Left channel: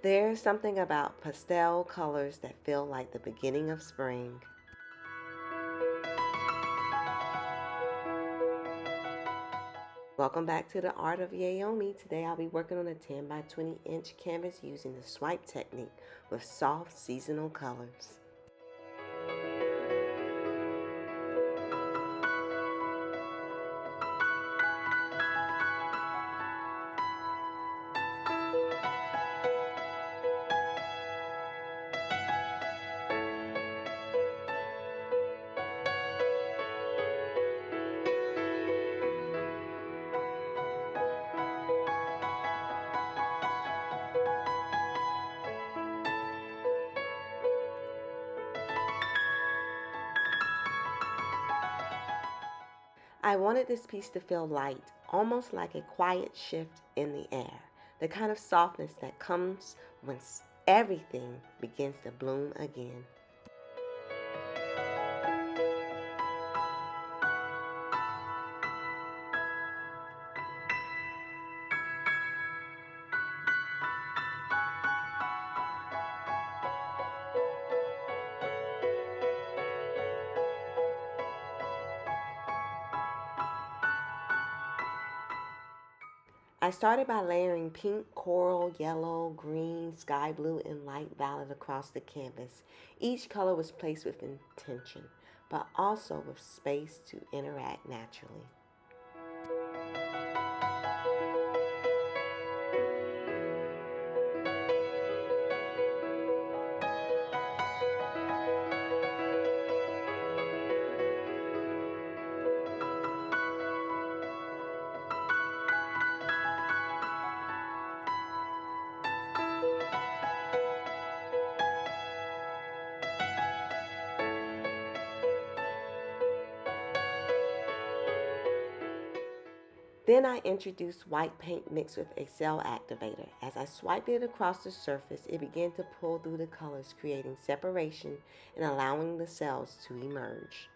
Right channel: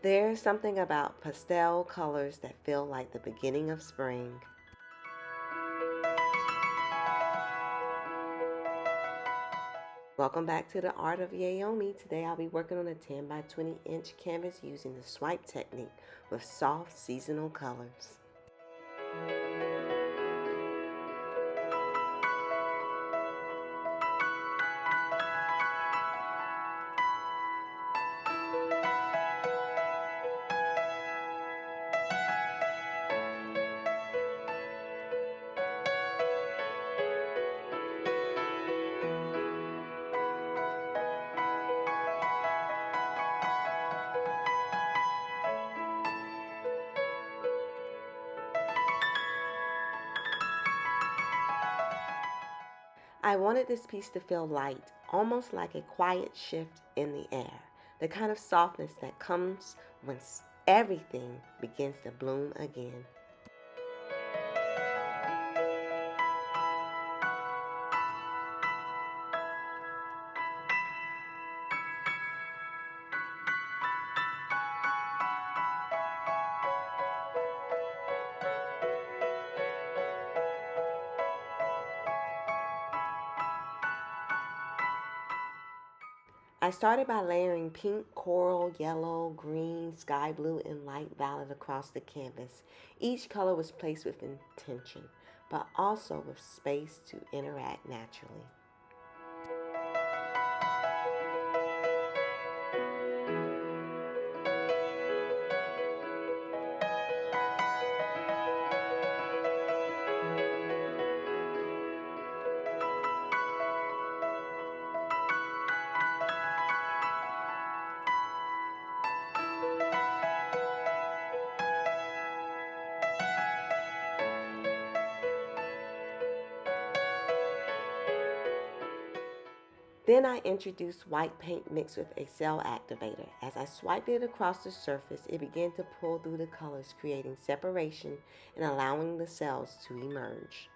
There's something about pastel colors that feel like the beginning of spring. Welcome back to the Art of Yaomi. Today I'll be working on a 10 by 20 inch canvas using the swipe technique with soft seasonal colors. I wanted this piece to feel light, almost like a quiet shift in the air, the kind of softness that comes when everything begins to bloom again. I started by layering pink, coral, yellow, green, sky blue, and light violet across the canvas. Each color was placed with intention, but also with space to interact naturally. Then I introduced white paint mixed with a cell activator. As I swiped it across the surface, it began to pull through the colors, creating separation and allowing the cells to emerge.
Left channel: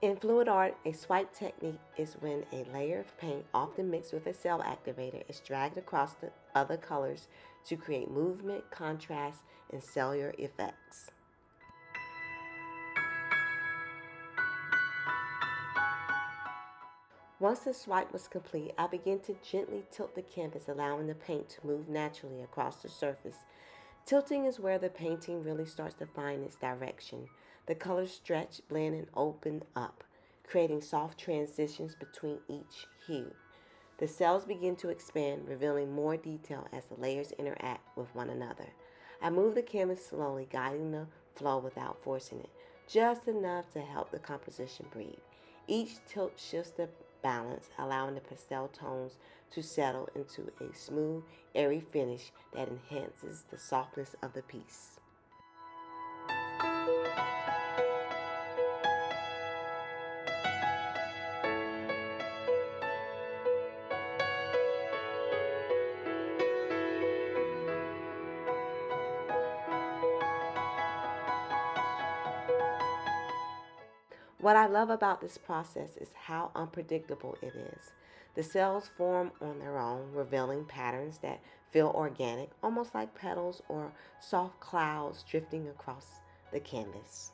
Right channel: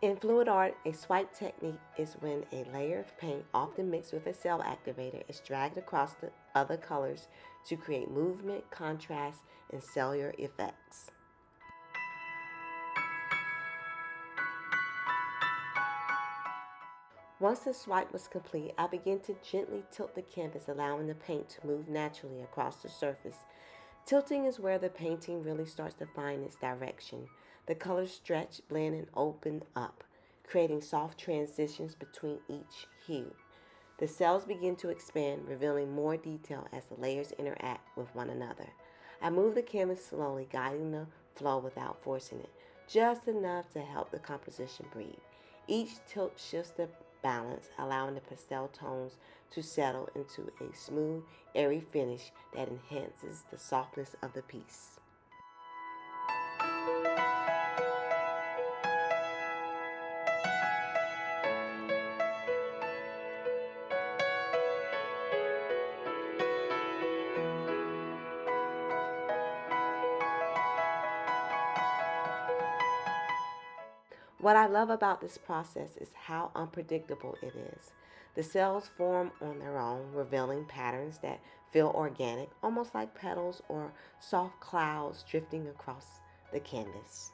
In fluid art, a swipe technique is when a layer of paint, often mixed with a cell activator, is dragged across the other colors to create movement, contrast, and cellular effects. Once the swipe was complete, I began to gently tilt the canvas, allowing the paint to move naturally across the surface. Tilting is where the painting really starts to find its direction. The colors stretch, blend, and open up, creating soft transitions between each hue. The cells begin to expand, revealing more detail as the layers interact with one another. I move the canvas slowly, guiding the flow without forcing it, just enough to help the composition breathe. Each tilt shifts the balance, allowing the pastel tones to settle into a smooth, airy finish that enhances the softness of the piece. What I love about this process is how unpredictable it is. The cells form on their own, revealing patterns that feel organic, almost like petals or soft clouds drifting across the canvas.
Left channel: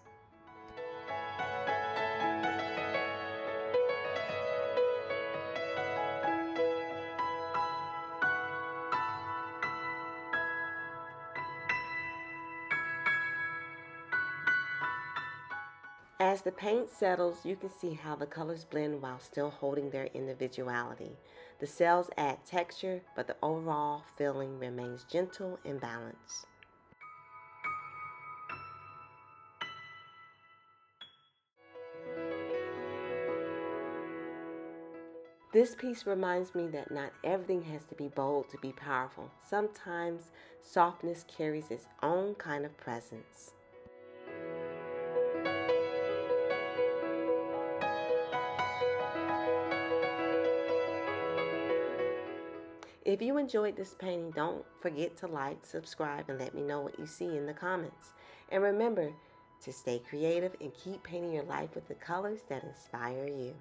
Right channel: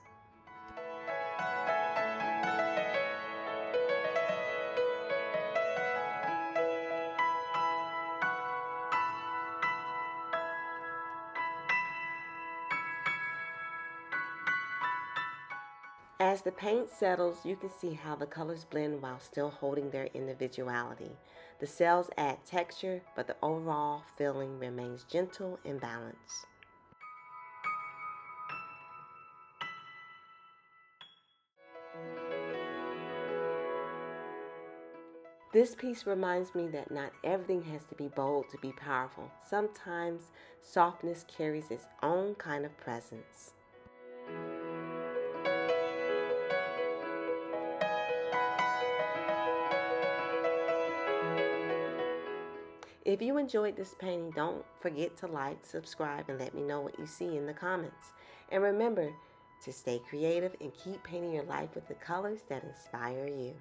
As the paint settles, you can see how the colors blend while still holding their individuality. The cells add texture, but the overall feeling remains gentle and balanced. This piece reminds me that not everything has to be bold to be powerful. Sometimes softness carries its own kind of presence. If you enjoyed this painting, don't forget to like, subscribe, and let me know what you see in the comments. And remember, to stay creative and keep painting your life with the colors that inspire you.